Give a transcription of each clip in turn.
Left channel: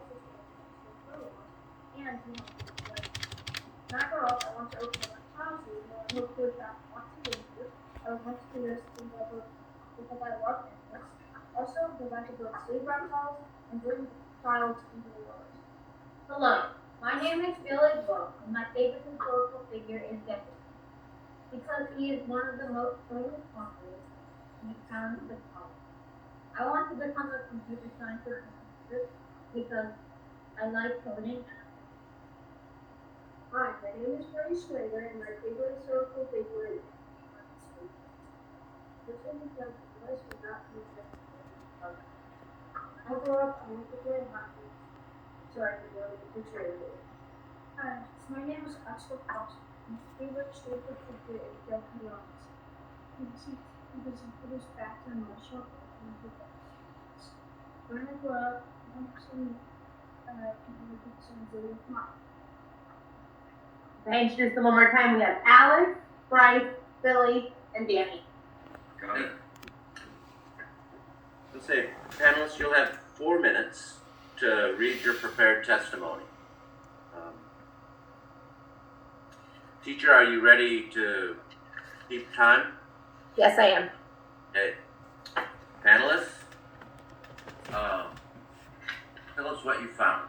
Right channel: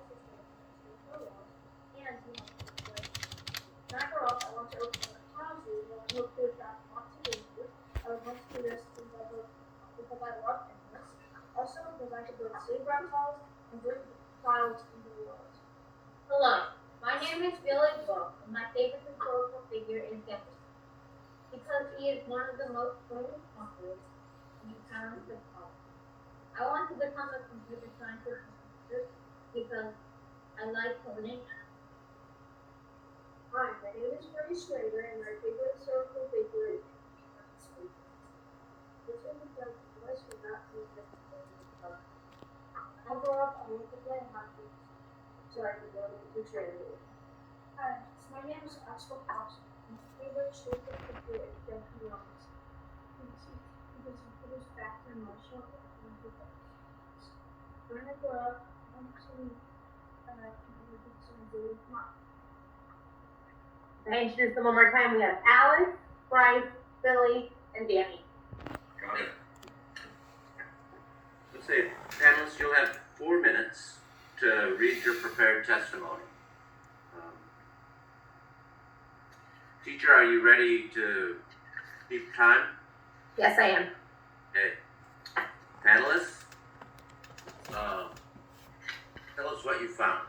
also stay for a walk and do my play. When I grow up, I want to open up a child's room where I hope to attract lots of visitors. I would want to do this because I love animals. Also, because I could build safe reptiles and bring trials into the world. Hello, my name is Billy Bow, and my favorite historical figure is Jefferson, because he is one of the most famous conquerors and talented poet. I want to become a computer scientist because I like coding. Hi, my name is Bryce, and my favorite historical figure is this is because Bryce would not be the I grew up, I went to play hockey, so I could go to the training. Hi, my name is Axel Thompson. My favorite historical figure is Jeff Youngs. Because he put his back to emotional and he does. When I grew up, I want to do some video mom. Thanks. Just one more time. We have Alex, Bryce, Billy, and Danny. Got it. Let's say, panelists, you'll have 4 minutes to read your prepared testimony. Teacher, are you ready to keep time? Yes, I am. Okay. Panelists, tell us what you found.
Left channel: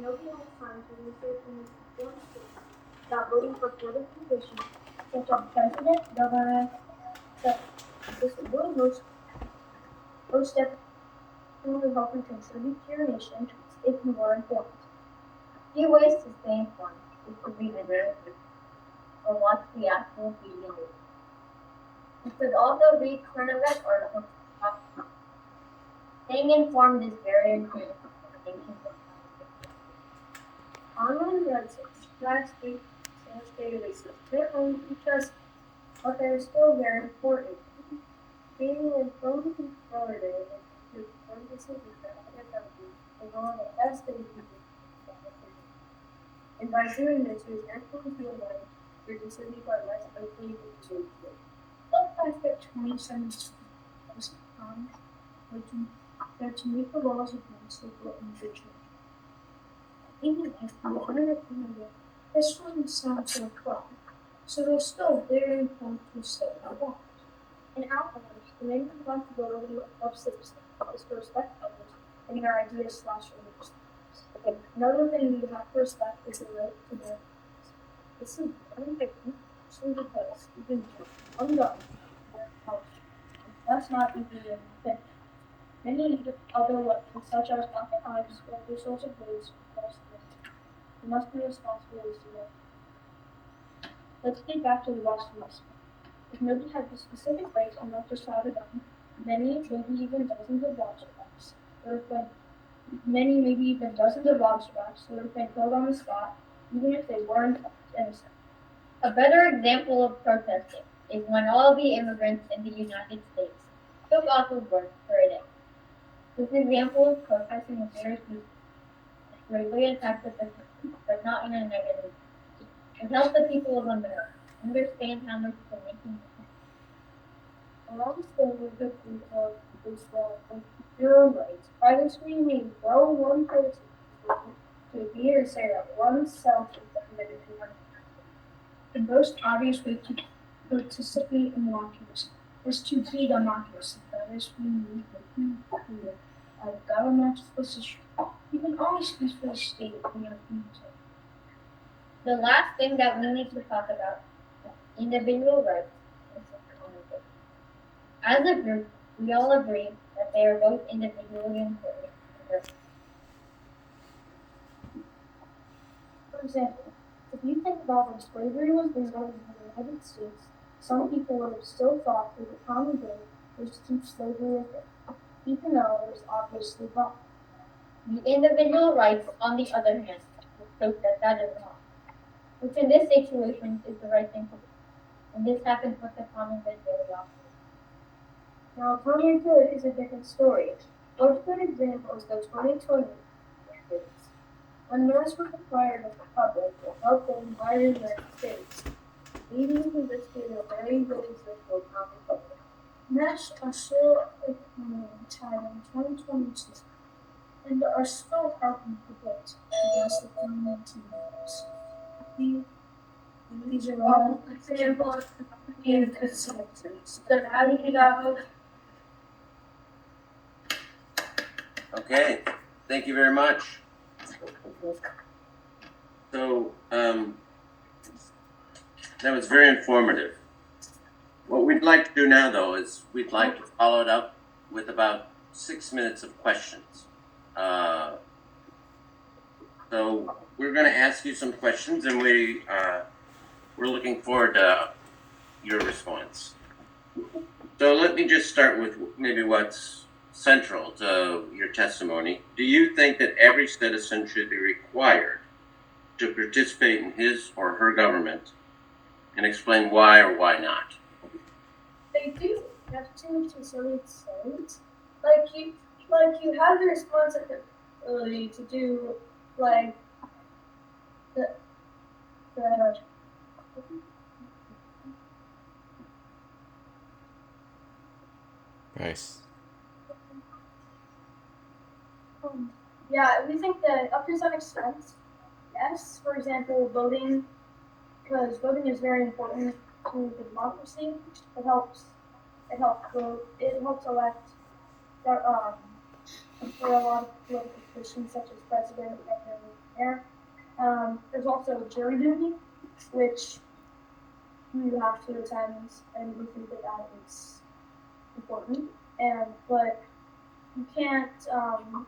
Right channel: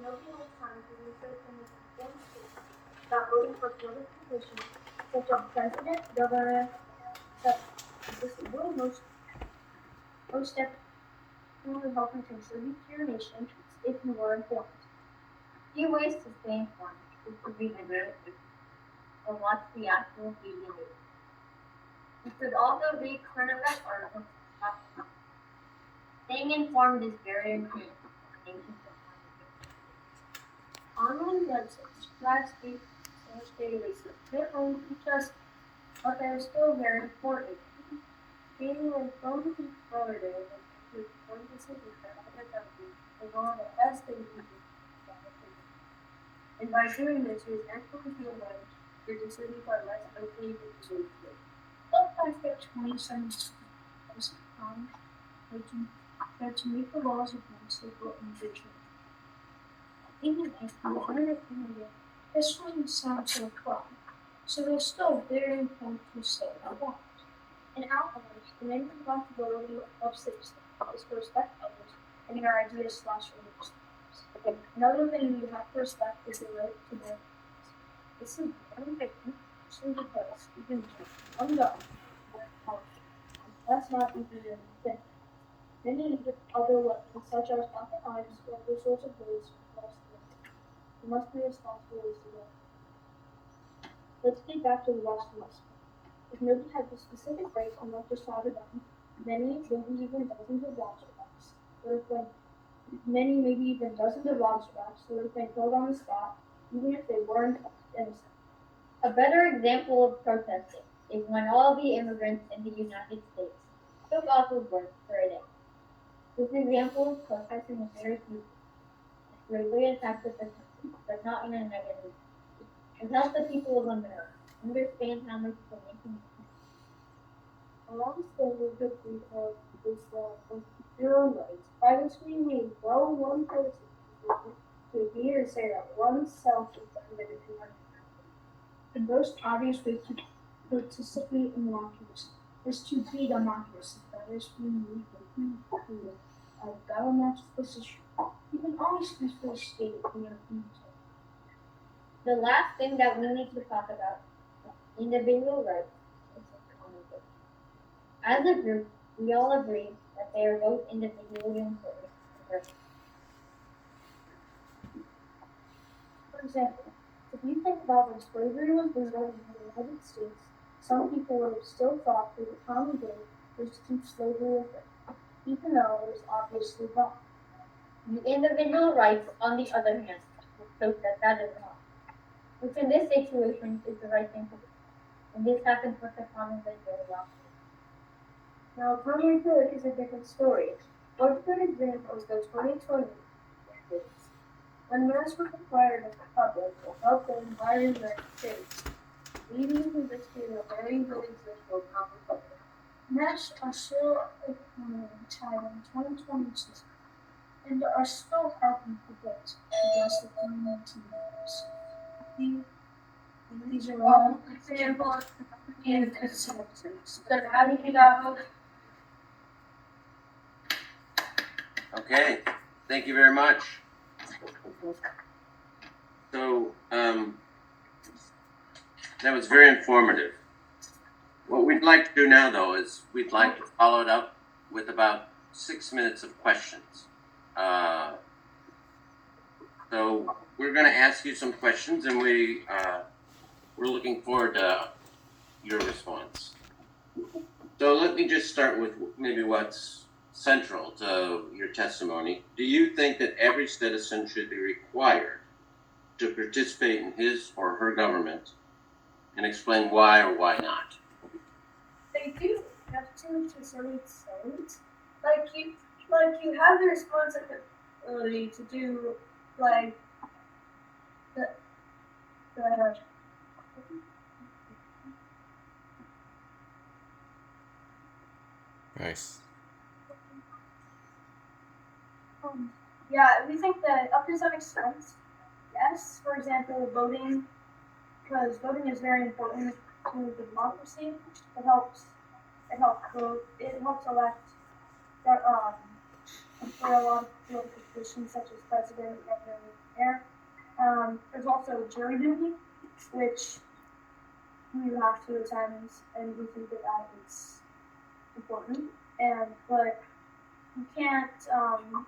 Nobody has time to research and inform states about voting for political positions such as president, governor, etc. This will most definitely help you contribute to your nation if you are informed. Few ways to stay informed is to read the narrative or watch the actual video. You could also read current event articles. Staying informed is very important for the nation's economy. Online websites, flags, and databases, they only teach us, but they're still very important. Being informed is further than to inform decisions for other countries is one of the best things we can do. And by doing this, you actually feel like your decisions are less likely to be true. But I fit 27 times that to make the laws of Mexico and Virginia. Even if we learn it in India, this one sounds so fun. So they're still very important to stay involved. In our lives, the main responsibility of citizens is to respect others and their ideas/beliefs. Another thing you have to respect is the right to bear arms. This is very important, especially because you can do one gun and that's not even a thing. Many other weapons, such as pocket knives or other sorts of blades, you must be responsible as to them. Let's get back to the Boston West. If nobody had the specific rights and not just shot a gun, many, maybe even dozens of watchdogs would have been killed on the spot, even if they weren't innocent. A better example of protesting is when all the immigrants in the United States took off of work for a day. This example of protesting is very peaceful. It greatly attacked the country, but not in a negative way. It helped the people of America understand how much the nation is. Along with the people is your own rights. Privacy means no one person to be or say that oneself is better than one. The most obvious way to participate in democracy is to be democracy. That is, we need the people of government's position. You can always peacefully state in your community. The last thing that we need to talk about is individual rights and community. As a group, we all agree that they are both individually important. For example, if you think about when slavery was legal in the United States, some people would have still thought that the common good was to keep slavery open, even though it was obviously wrong. The individual rights, on the other hand, prove that is wrong, which in this situation is the right thing to do. And this happens with the common good very often. Now, common good is a different story. One good example is the 2020 mandates. When masks were required of the public to help the entire United States, leading to this being a very good example of how the public. Masks are still tied in 2022 and are still helping protect against the COVID-19 virus. These are all examples and citizens that having it out. Okay, thank you very much. So, that was very informative. What we'd like to do now, though, is we'd like to follow it up with about 6 minutes of questions. So we're going to ask you some questions, and we're looking forward to your response. So let me just start with maybe what's central to your testimony. Do you think that every citizen should be required to participate in his or her government, and explain why or why not? They do have to some extent. Like you have the responsibility to do like the Bryce. yeah, we think that up to some extent, yes. For example, voting, because voting is very important to the democracy. It helps vote. It helps elect for a lot of political positions such as president, governor, mayor. There's also jury duty, which you have to attend, and we think that is important. But you can't.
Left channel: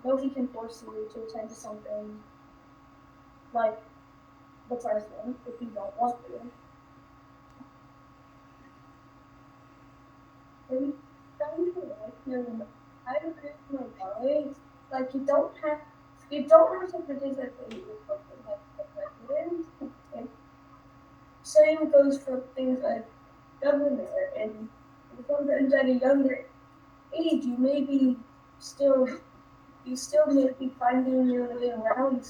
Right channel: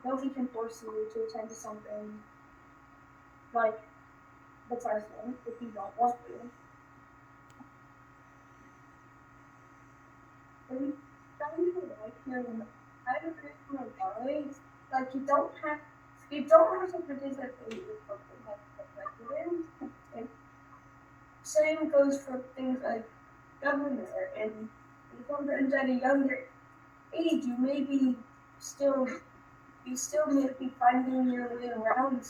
Nobody can force you to attend to something like the president if you don't want to. I agree with my colleagues. Like you don't have to participate with something like the president. And same goes for things like governor, and sometimes at a younger age you may be still may be finding your way around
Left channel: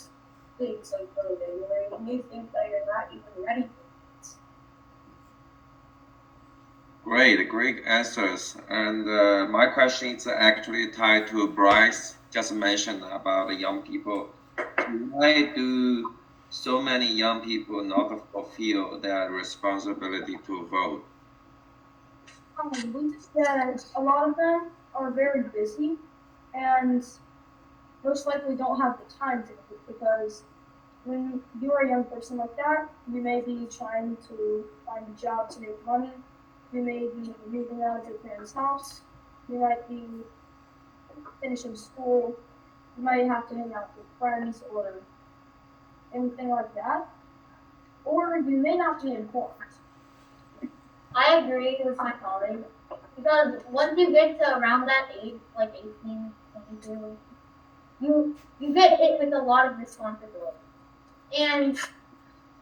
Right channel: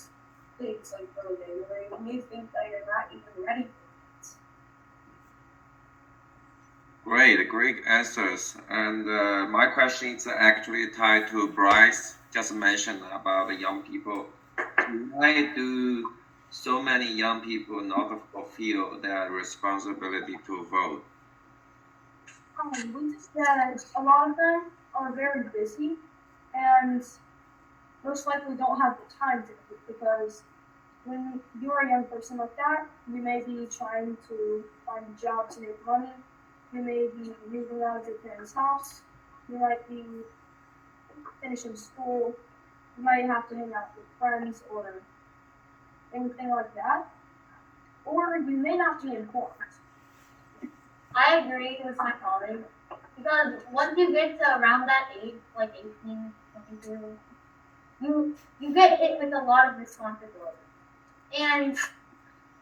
things like voting, where you may think that you're not even ready for it. Great answers. And my question is actually tied to Bryce just mentioned about the young people. Why do so many young people not fulfill their responsibility to vote? We just that a lot of them are very busy and most likely don't have the time to vote, because when you are a young person like that, you may be trying to find a job to make money. You may be moving out of your parents' house. You might be finishing school. You might have to hang out with friends or anything like that. Or you may not be informed. I agree with my colleague, because once you get to around that age, like 18, 22, you get hit with a lot of responsibility. And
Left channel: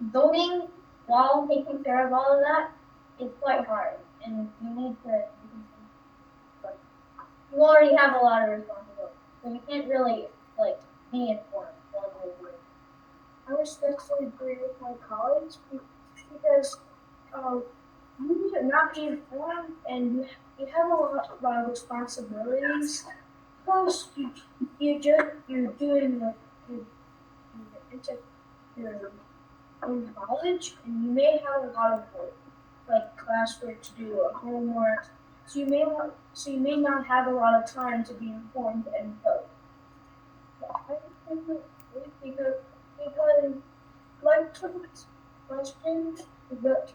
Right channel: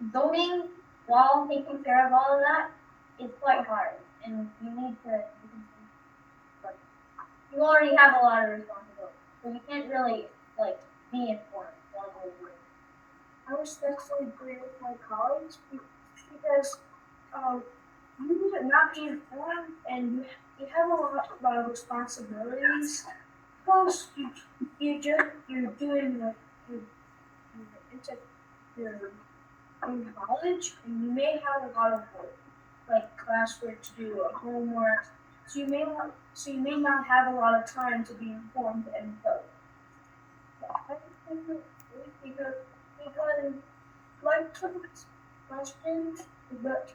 voting while taking care of all of that is quite hard, and you need to, but you already have a lot of responsibility, so you can't really like be informed while you're doing it. I respectfully agree with my colleagues because you need not be informed, and you have a lot of responsibilities. Plus, you're doing you're in college, and you may have a lot of work, like classwork to do or homework. So you may not have a lot of time to be informed and vote. Because like Trump's question, the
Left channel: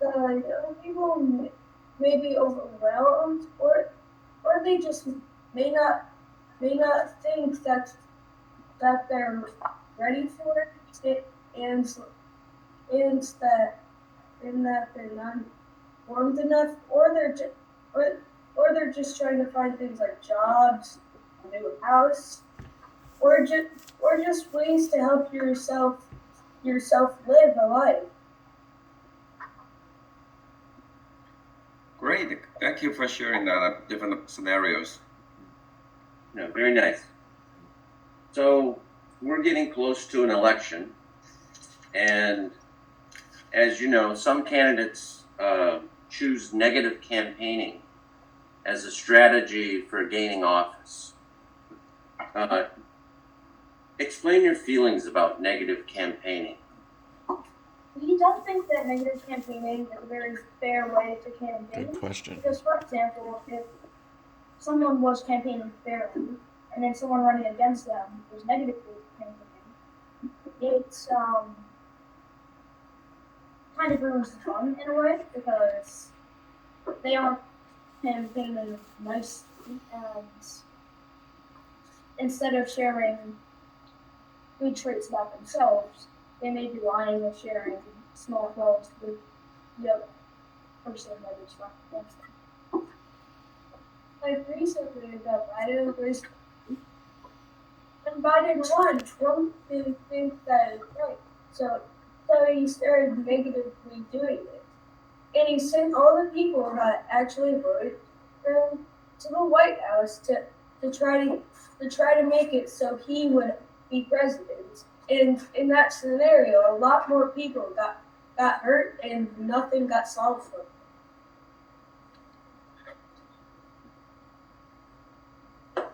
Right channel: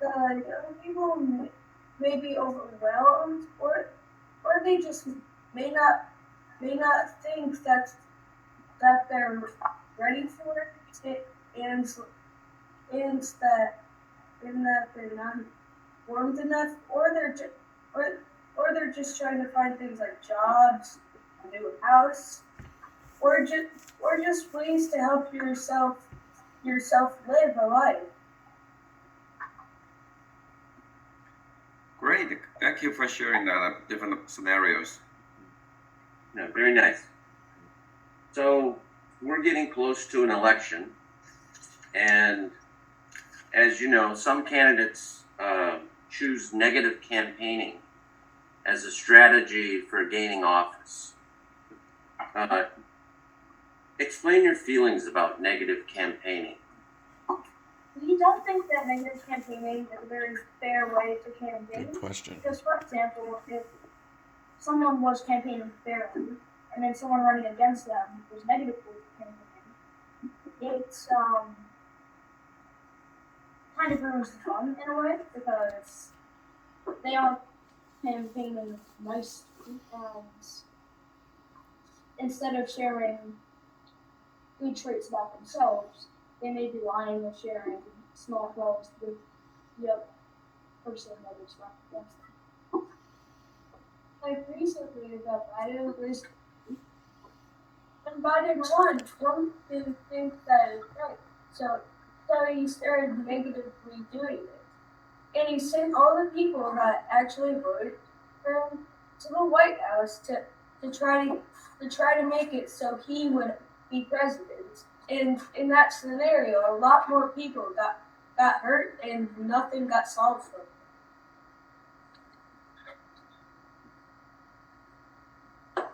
young people may be overwhelmed, or they just may not think that they're ready for it, and that they're not informed enough, or they're just trying to find things like jobs, a new house, or just ways to help yourself live a life. Great. Thank you for sharing different scenarios. No, very nice. So we're getting close to an election, and as you know, some candidates choose negative campaigning as a strategy for gaining office. Explain your feelings about negative campaigning. We don't think that negative campaigning is a very fair way to campaign. Good question. Because, for example, if someone was campaigning fairly, and then someone running against them was negatively campaigning, it's kind of ruins the fun in a way, because they aren't campaigning nicely, and instead of sharing good traits about themselves, they may be lying or sharing small flaws with the other person that is not against them. Like recently, the Biden was, and Biden won. One didn't think that is right, so he started negatively doing it, and he sent all the people that actually voted for him to the White House to try to make it so he would be president. And in that scenario, a lot more people got hurt and nothing got solved for them.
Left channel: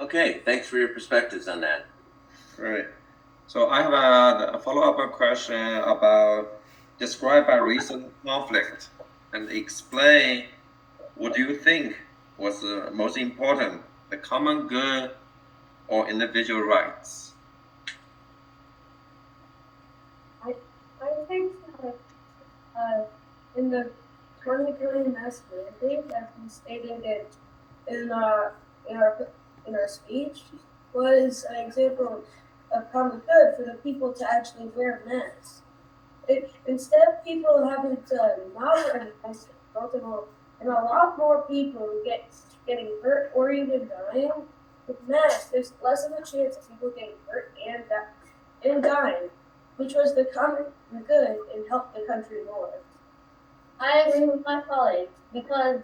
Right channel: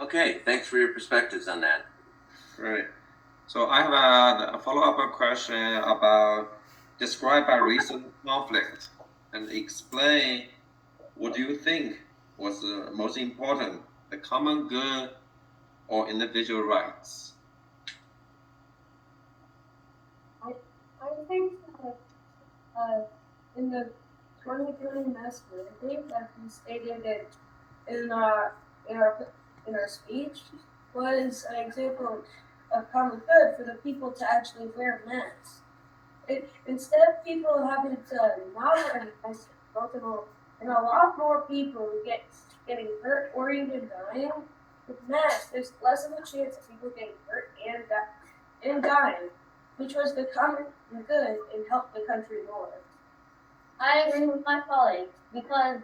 Okay, thanks for your perspectives on that. Great. So I have a follow-up question about describe a recent conflict and explain what do you think was most important, the common good or individual rights? I think that in the 2020 mass mandate that we stated it in our speech was an example of common good for the people to actually wear masks. Instead of people having to not wear masks, and a lot more people getting hurt or even dying with masks, there's less of a chance of people getting hurt and dying, which was the common good and helped the country more. I agree with my colleagues, because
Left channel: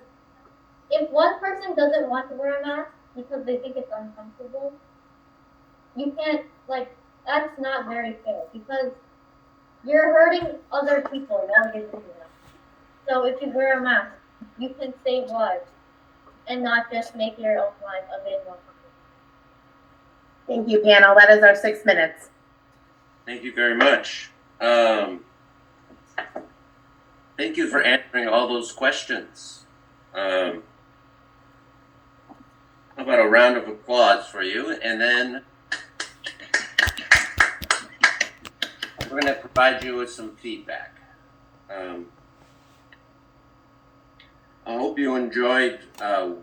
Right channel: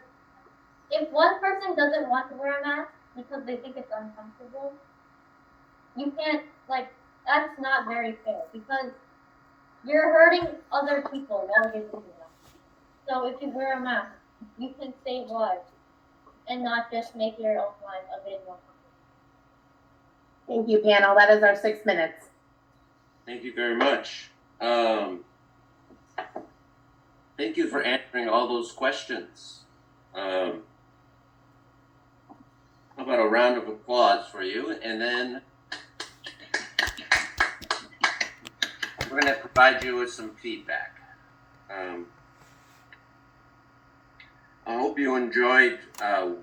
if one person doesn't want to wear a mask because they think it's uncomfortable, you can't, that's not very fair, because you're hurting other people while you're doing that. So if you wear a mask, you can save lives and not just make your own life a bit more comfortable. Thank you, panel. That is our 6 minutes. Thank you very much. Thank you for answering all those questions. How about a round of applause for you? And then we're going to provide you with some feedback. I hope you enjoyed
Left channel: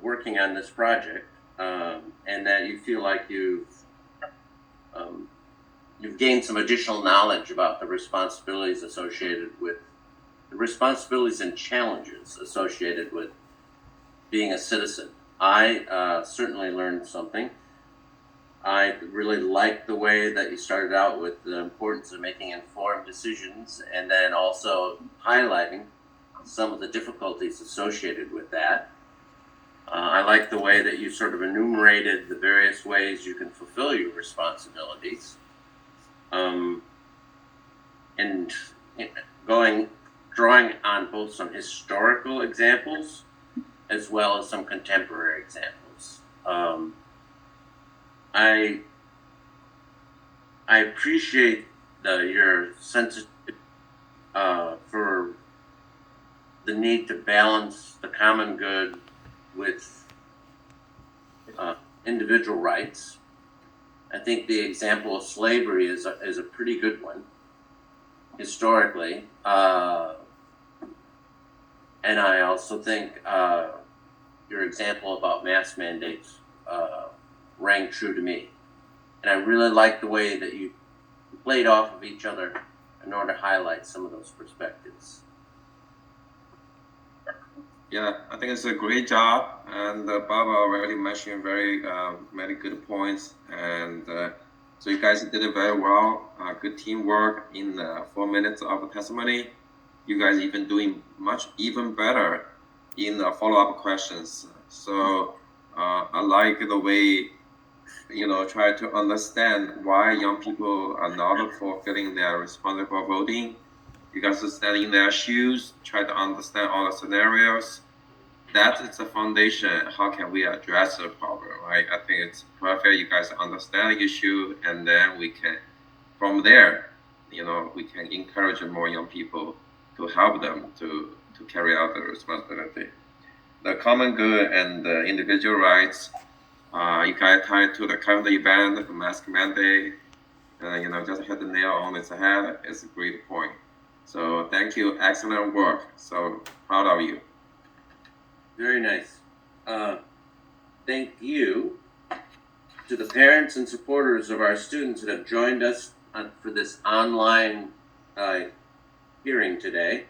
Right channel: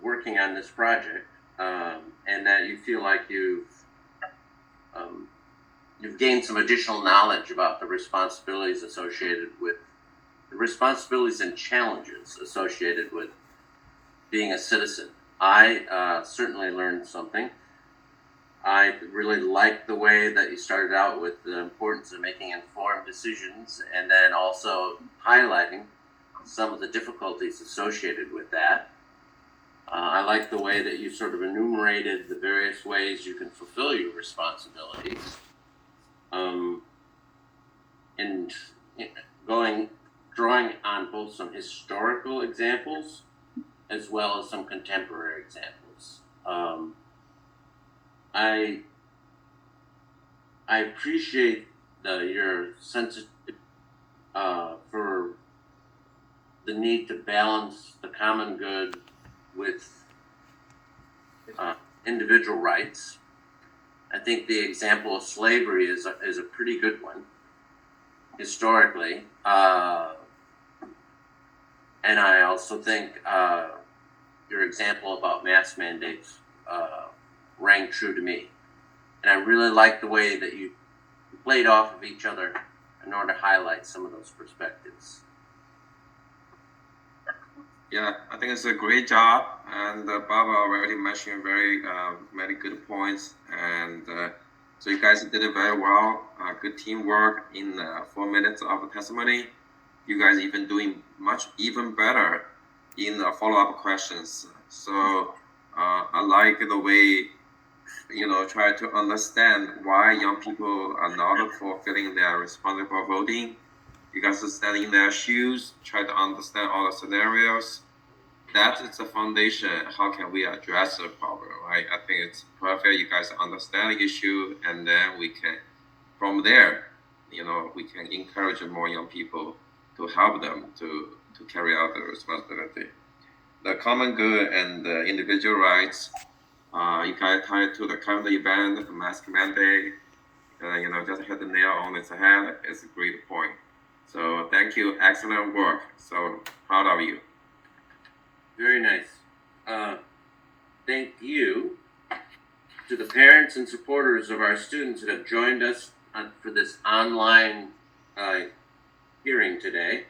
working on this project, and that you feel like you've gained some additional knowledge about the responsibilities and challenges associated with being a citizen. I certainly learned something. I really liked the way that you started out with the importance of making informed decisions, and then also highlighting some of the difficulties associated with that. I like the way that you sort of enumerated the various ways you can fulfill your responsibilities. And drawing on both some historical examples as well as some contemporary examples. I appreciate your sensitivity for the need to balance the common good with individual rights. I think the example of slavery is a pretty good one historically, and I also think your example about mask mandates rang true to me. And I really like the way that you played off of each other in order to highlight some of those perspectives. Yeah, I think it's a great job, and Bob already mentioned very many good points, and so you guys did it very well. Good teamwork in 4 minutes of testimony. You guys even doing even better in follow-up questions. So I like the way try to understand why young people are not fulfilling their responsible voting. You guys stand in their shoes, try to understand all the scenarios. That is the foundation. How can we address the problem, right? I think it's perfect. You guys understand the issue, and then we can, from there, we can encourage more young people to help them to carry out the responsibility. The common good and the individual rights, you guys tie to the current event, the mask mandate, just hit the nail on its head. It's a great point. So thank you, excellent work. So proud of you. Very nice. Thank you to the parents and supporters of our students that have joined us for this online hearing today.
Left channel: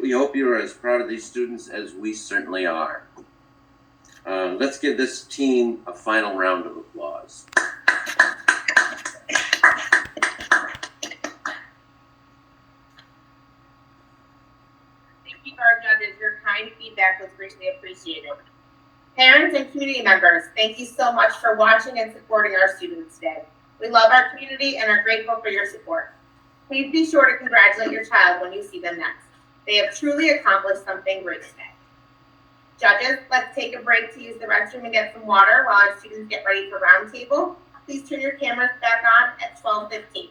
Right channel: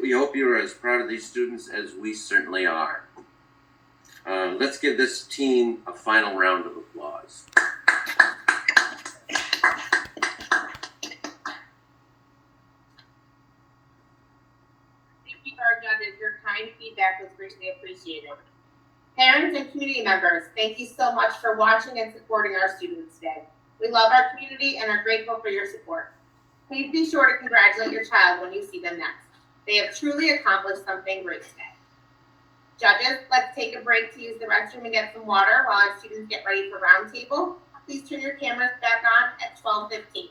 We hope you are as proud of these students as we certainly are. Let's give this team a final round of applause. Thank you, our judges. Your kind feedback was greatly appreciated. Parents and community members, thank you so much for watching and supporting our students today. We love our community and are grateful for your support. Please be sure to congratulate your child when you see them next. They have truly accomplished something great today. Judges, let's take a break to use the restroom and get some water while our students get ready for roundtable. Please turn your cameras back on at 12:15.